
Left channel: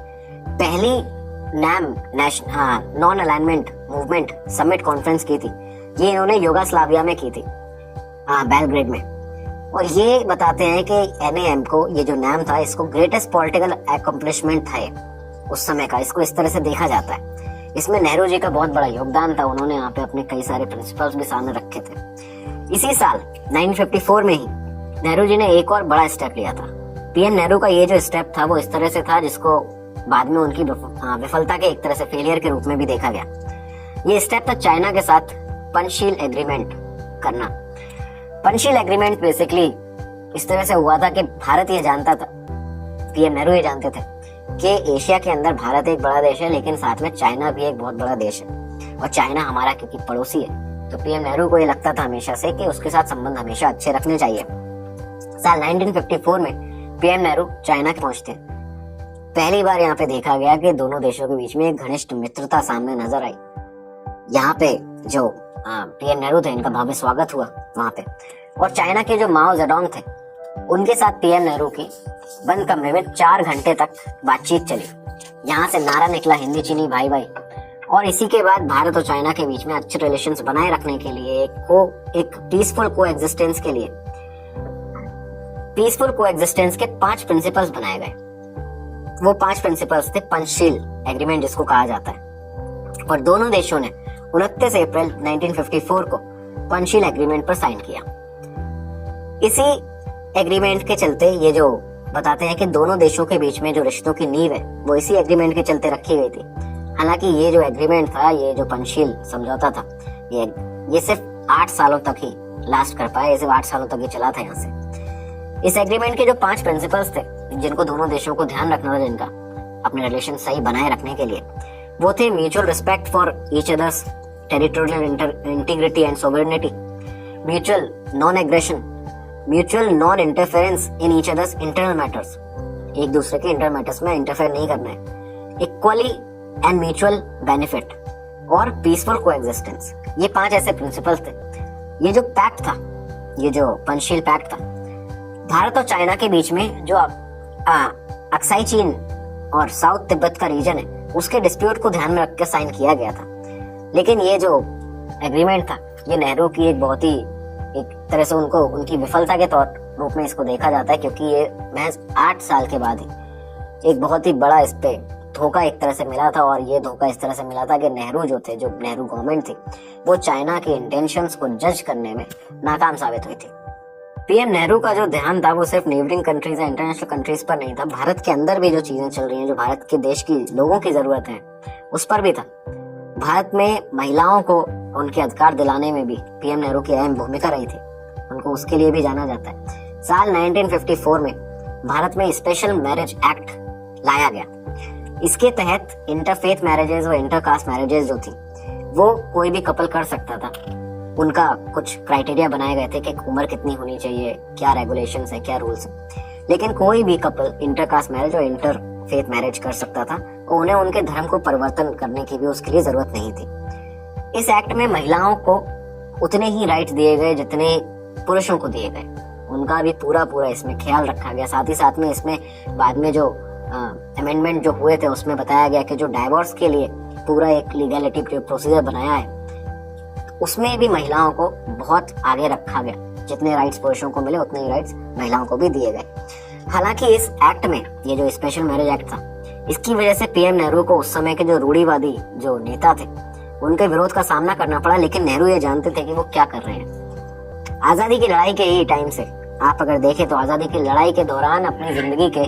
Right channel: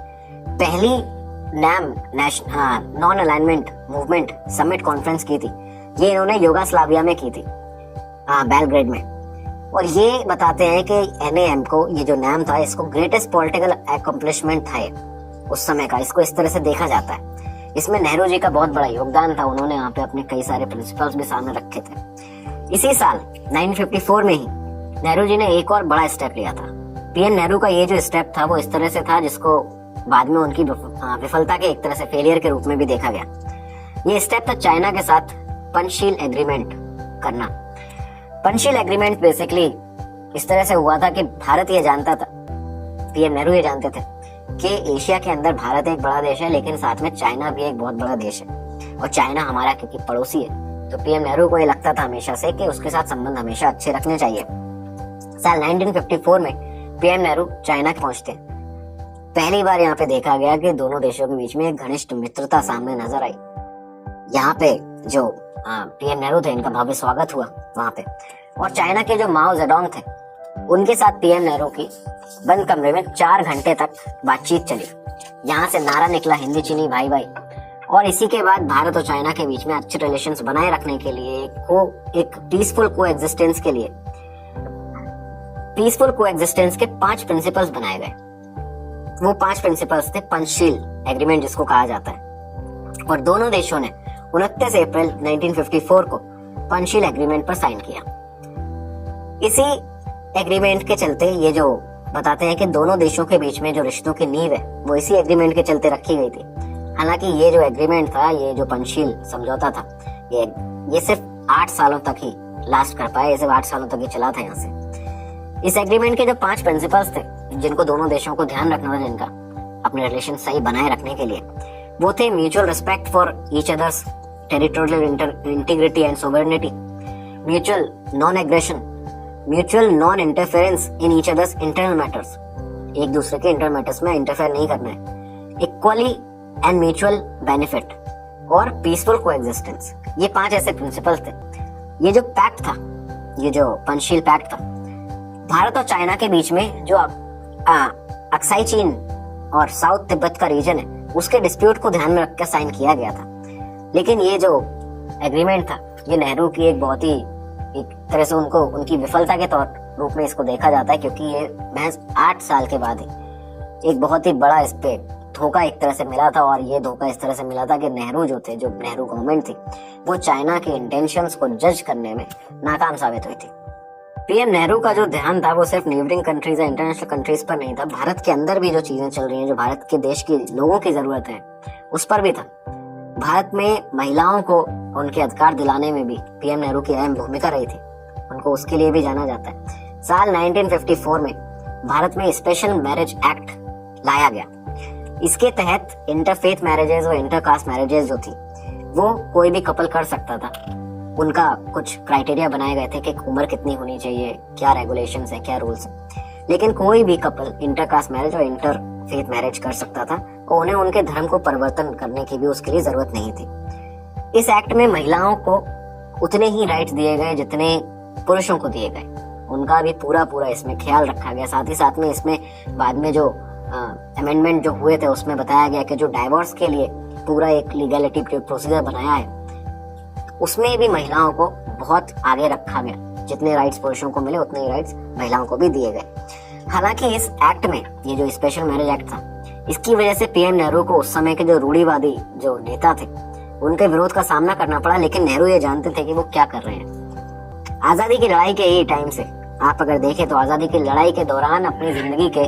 पहली non alignment movement summit conference की थी, ये इन्होंने युगोस्लाविया में की थी, बेलग्रेड में। और ये बताते हैं कि NAM को, ये जो नाम था, इसको ग्रेटेस्ट पॉलिटिकल अकम्प्लिशमेंट था उस समय का, इसको इस तरह से देखा जाता है। इसमें नेहरू जी का बहुत बड़ा योगदान था, उन्होंने यहाँ पे अपने कई सारे प्रिंसिपल्स भी सामने रखे थे। इसी साल 1954 में ही नेहरू जी ने एक और बड़ा स्टेप लिया था। पीएम नेहरू का ये जो स्टेप था वो इस तरह से था जिसको बाद में उनकी विफलता के एक तरह से फेलियर के रूप में भी देखा गया। ये स्टेप था चाइना के साथ पंचशील एग्रीमेंट करना। पंचशील एग्रीमेंट बेसिकली इस तरह से हुआ था कि भारत ये जानता था, पीएम नेहरू ये जानते थे कि एशिया के अंदर भारत एक बड़ा देश है, लेकिन साथ में चाइना भी एक बहुत बड़ा देश है और चाइना हमारा क्योंकि पड़ोसी है, तो पीएम नेहरू को ये लगता था हमेशा से कि उसके साथ संबंध हमेशा अच्छे रखने चाहिए। साल 1954 में पीएम नेहरू चाइना पहुंचते। पहली बार यहाँ पे देखा गया कि दोनों देशों के बीच में एक घनिष्ठ मित्रता सामने नजर आई। यहाँ पे जो पीएम नेहरू थे, इनका भव्य स्वागत हुआ वहां पे। और चाइना के जो माओ जेडोंग थे, उनके साथ पीएम नेहरू की बंद कमरे में 4 घंटे तक बातचीत चली। यहाँ से नारा निकला हिंदी चीनी भाई भाई। और इसी के बाद भारत और चाइना के बीच में अच्छे रिलेशंस बनाए रखने के लिए, एक पीसफुल कोएग्जिस्टेंस के लिए, पीसफुल कोएग्जिस्टेंस के 5 प्रिंसिपल्स बनाए गए। वो 5 प्रिंसिपल्स थे पंचशील एग्रीमेंट जिसको कहा जाता है। और दोनों देशों ने 29 अप्रैल 1954 को पंचशील एग्रीमेंट पर साइन किया। इसी एग्रीमेंट के चलते, ये जो बताते हैं कि दोनों देशों के बीच में जो रिश्तों की नींव है वो इसी एग्रीमेंट के चलते रखी गई थी। हालांकि ये जो एग्रीमेंट था, ये जो पंचशील समझौता था, ये सिर्फ 8 सालों तक ही लास्ट कर पाया, ये सिर्फ 8 सालों तक ही चला था यहाँ से। इस एग्रीमेंट के जो 5 प्रिंसिपल्स थे जिनको दोनों देशों को ध्यान रखना था, जिनका अपने रिलेशन सही बनाए रखने के लिए, वो थे mutual respect for each others territorial integrity and sovereignty, mutual non aggression, mutual non interference in each others internal matters, एक दूसरे के इंटरनल मैटर्स में इंटरफेयर नहीं करना है, इक्वली एंड म्यूचुअल बेनिफिट और पीसफुल कोएग्जिस्टेंस। ये 5 ऐसे प्रिंसिपल्स थे। ये जो पैक्ट था, ये जो पंचशील पैक्ट था, भारत और चाइना के बीच में जो अक्साई चीन और साउथ तिब्बत का रीजन है, उसके डिस्प्यूट को ध्यान में रखकर साइन किया गया था। लेकिन ये जो एग्रीमेंट था, ये नेहरू की एक बहुत ही, एक तरह से उनकी विफलता के तौर रूप में इसको देखा जाता है, क्योंकि ये महज 8 साल के बाद ही एक बहुत ही बड़ा इस पे धोखा एक तरह से मिला था। और ये धोखा इस तरह से मिला था कि नेहरू जो थे, जो नेहरू गवर्नमेंट थी, वो चाइना के इंटेंशंस को जज करने में नाकाम साबित हुई थी। पीएम नेहरू का जो ध्यान था वो सिर्फ नेबरिंग कंट्रीज या इंटरनेशनल कंट्रीज पर नहीं था, भारत के अंदर भी जो चीजें चल रही हैं, जो भारत के देश की लोगों की जरूरत है, उस पर भी था। भारत में महिलाओं को उनके अधिकार दिलाने में भी पीएम नेहरू की अहम भूमिका रही थी, उनको उसके लिए भी जाना जाता है। साल 1954 में भारत में स्पेशल मैरिज एक्ट लाया गया। इसके तहत इंटरफेथ मैरिजेज और इंटरकास्ट मैरिजेज जो थी वो कोई भी कपल कर सकता था। उनका कुछ क्राइटेरिया बनाए गए थे कि उम्र कितनी होनी चाहिए, क्या रेगुलेशंस है, क्या रूल्स है, लेकिन कोई भी कपल इंटरकास्ट मैरिज और इंटरफेथ मैरिज कर सकता था। तो उन्हें उनके धर्म को परिवर्तन करने की भी उसके लिए जरूरत नहीं थी। इस एक्ट में महिलाओं को उतने ही राइट्स दिए गए जितने पुरुषों को दिए गए, उनका भी पूरा इसमें ख्याल रखा गया। साथ ही साथ में इसमें बाद में जो अमेंडमेंट जो हुए थे उसमें बताया गया कि जो डाइवोर्स के लिए पूरा एक लीगलिटी प्रोसीजर बनाया है उसमें भी महिलाओं को बहुत आगे रखा गया। जितने राइट्स पुरुषों को मिले उतने ही राइट्स महिलाओं को भी दिए गए। हालांकि इस एक्ट में, ये जो स्पेशल मैरिज एक्ट था, इसकी वजह से पीएम नेहरू को उस समय के जो रूढ़िवादी जो नेता थे उनके विरोध का सामना करना पड़ा, लेकिन नेहरू ये जानते थे कि वो क्या कर रहे हैं। आजादी की लड़ाई के ही टाइम से आप अगर देखें तो आजादी की लड़ाई के दौरान अपनी जिंदगी के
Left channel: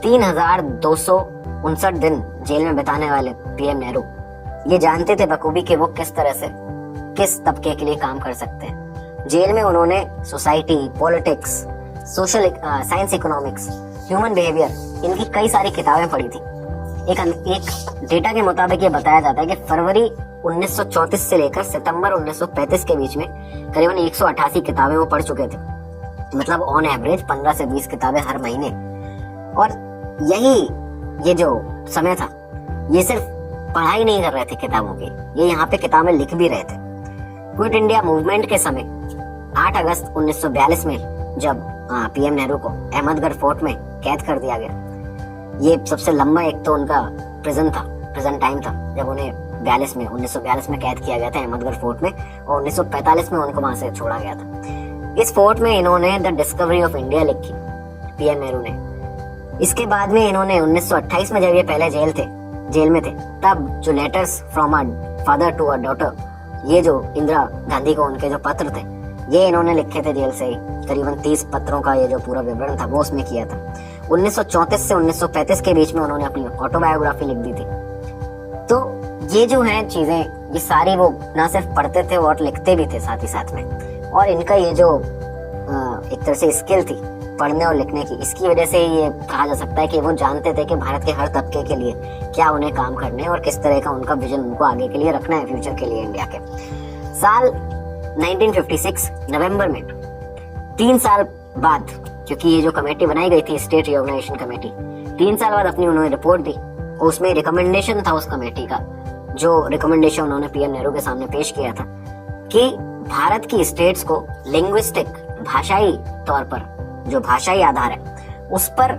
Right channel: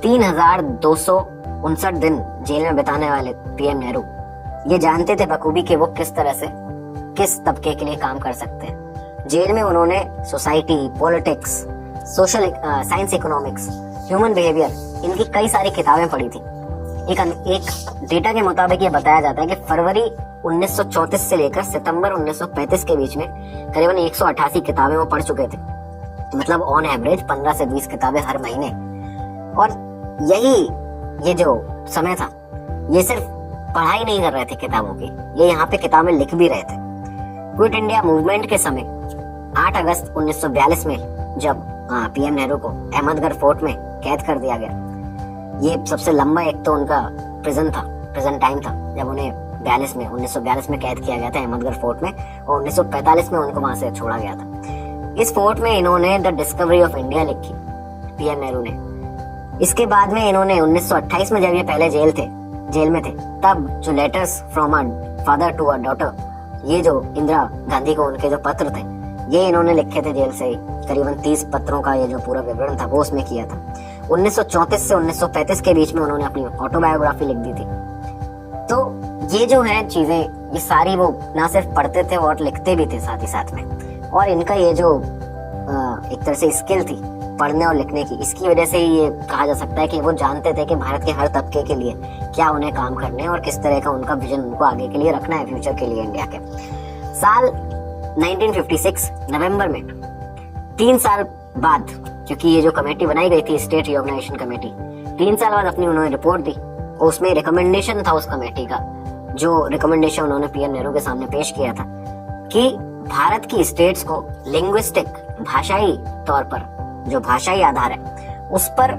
3259 दिन जेल में बिताने वाले पीएम नेहरू ये जानते थे बखूबी कि वो किस तरह से किस तबके के लिए काम कर सकते हैं। जेल में उन्होंने society, politics, social science, economics, human behaviour, इनकी कई सारी किताबें पढ़ी थी। एक डेटा के मुताबिक ये बताया जाता है कि फरवरी 1934 से लेकर सितंबर 1935 के बीच में करीबन 188 किताबें वो पढ़ चुके थे। मतलब ऑन एवरेज 15 से 20 किताबें हर महीने। और ये जो समय था ये सिर्फ पढ़ाई नहीं कर रहे थे किताबों की, ये यहाँ पे किताबें लिख भी रहे थे। क्विट इंडिया मूवमेंट के समय 8 अगस्त 1942 में जब पीएम नेहरू को अहमदगढ़ फोर्ट में कैद कर दिया गया, ये सबसे लंबा एक तो उनका प्रिजन टाइम था जब उन्हें 1942 में कैद किया गया था अहमदगढ़ फोर्ट में, और 1945 में उनको वहां से छोड़ा गया था। इस फोर्ट में इन्होंने द डिस्कवरी ऑफ इंडिया लिखी पीएम नेहरू ने। इसके बाद में इन्होंने 1928 में जब ये पहले जेल में थे तब जो letters from a father to a daughter, ये जो इंदिरा गांधी को उनके जो पत्र थे ये इन्होंने लिखे थे जेल से ही। करीबन 30 पत्रों का ये जो पूरा विवरण था वो उसमें किया था। 1934 से 1935 के बीच में उन्होंने अपनी ऑटोबायोग्राफी लिख दी थी। तो ये जो है चीजें, ये सारी वो ना सिर्फ पढ़ते थे और लिखते भी थे साथ ही साथ में। और इनका ये जो एक तरह से स्किल थी पढ़ने और लिखने की, इसकी वजह से ये कहा जा सकता है कि वो जानते थे कि भारत के हर तबके के लिए क्या उन्हें काम करने हैं और किस तरह का उनका विजन उनको आगे के लिए रखना है, फ्यूचर के लिए इंडिया के। साल 1956 नवंबर में 3 साल बाद, क्योंकि ये जो कमेटी बनाई गई थी स्टेट रिऑर्गेनाइजेशन कमेटी, 3 साल बाद अपनी उन्होंने रिपोर्ट दी। उसमें रिकमेंडेशन था उस कमेटी का, जो रिकमेंडेशन उन्होंने पीएम नेहरू के सामने पेश किया था कि भारत की स्टेट्स को लिंग्विस्टिक, भाषाई तौर पर जो भाषाई आधार है उस पर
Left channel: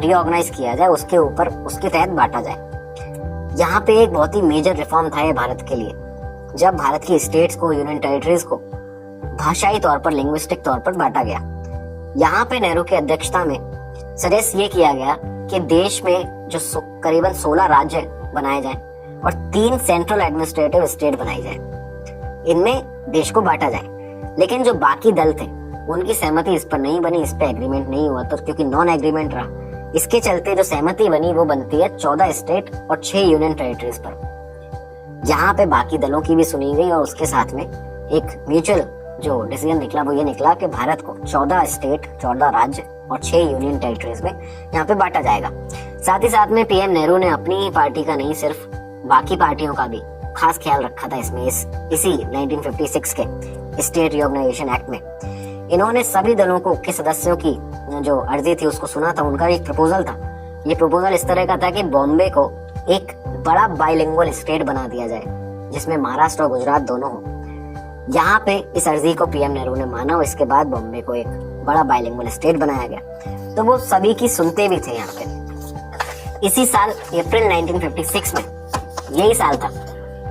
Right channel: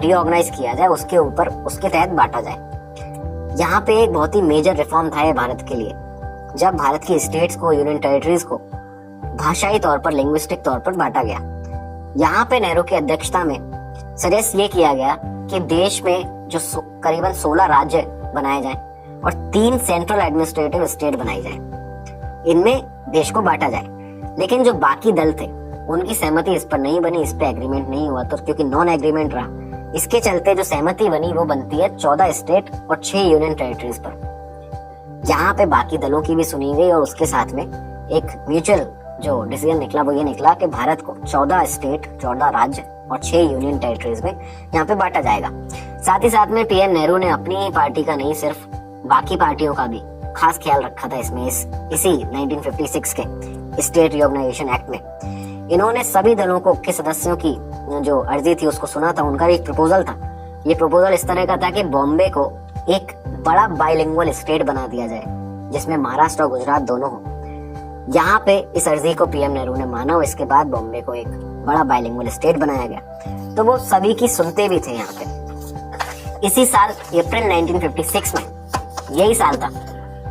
रीऑर्गेनाइज किया जाए, उसके ऊपर उसके तहत बांटा जाए। यहाँ पे एक बहुत ही मेजर रिफॉर्म था ये भारत के लिए, जब भारत की स्टेट्स को, यूनियन टेरिटरीज को भाषाई तौर पर, लिंग्विस्टिक तौर पर बांटा गया। यहाँ पे नेहरू की अध्यक्षता में सजेस्ट ये किया गया कि देश में जो करीबन 16 राज्य बनाए जाएं और 3 सेंट्रल एडमिनिस्ट्रेटिव स्टेट बनाई जाए, इनमें देश को बांटा जाए। लेकिन जो बाकी दल थे उनकी सहमति इस पर नहीं बनी, इस पे एग्रीमेंट नहीं हुआ। तो क्योंकि नॉन एग्रीमेंट रहा, इसके चलते जो सहमति बनी वो बनती है 14 स्टेट और 6 यूनियन टेरिटरीज पर। यहाँ पे बाकी दलों की भी सुनी गई और उसके साथ में एक म्यूचुअल जो डिसीजन निकला वो ये निकला कि भारत को 14 स्टेट, 14 राज्य और 6 यूनियन टेरिटरीज में यहाँ पे बांटा जाएगा। साथ ही साथ में पीएम नेहरू ने अपनी ही पार्टी का नहीं, सिर्फ बाकी पार्टियों का भी खास ख्याल रखा था इसमें। इसी 1956 के स्टेट रिऑर्गेनाइजेशन एक्ट में इन्होंने सभी दलों को के सदस्यों की जो अर्जी थी उसको सुना था। उनका एक प्रपोजल था, ये प्रपोजल इस तरह का था कि बॉम्बे को एक बड़ा बाइलिंगुअल स्टेट बना दिया जाए जिसमें महाराष्ट्र और गुजरात दोनों हो। यहाँ पे इस अर्जी को पीएम नेहरू ने माना और इसके बाद बॉम्बे को एक बड़ा बाइलिंगुअल स्टेट बनाया गया। तो वो सभी की सुनते भी थे यहाँ पे। इसी साल अप्रैल 1956 में, यही साल था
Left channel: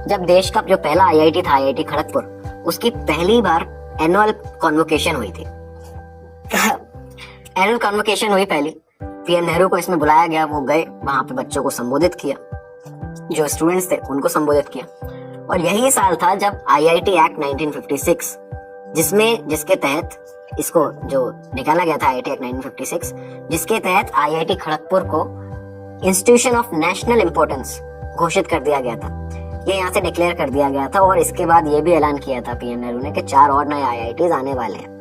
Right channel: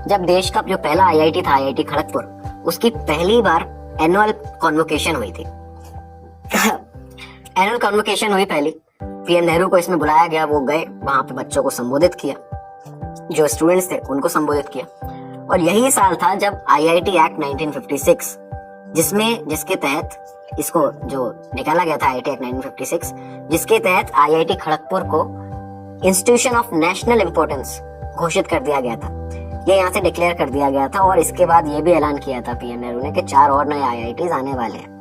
जब देश का जो पहला आईआईटी था, आईआईटी खड़गपुर, उसकी पहली बार एनुअल कॉन्वोकेशन हुई थी। एनुअल कॉन्वोकेशन हुई पहली, पीएम नेहरू को इसमें बुलाया गया, वो गए, वहां पे बच्चों को संबोधित किया, जो स्टूडेंट्स थे उनको संबोधित किया। और यही साल था जब आईआईटी एक्ट 1956 जिसके तहत इसको जो निकाला गया था आईआईटी एक्ट 1956, जिसके तहत आईआईटी खड़गपुर को इंस्टीट्यूशन ऑफ नेशनल इंपॉर्टेंस घोषित कर दिया गया था। ये यहाँ से डिक्लेयर कर दिया गया था और इसके बाद ये भी ऐलान किया था पीएम नेहरू ने कि 4 और नए आईआईटीज आने वाले हैं।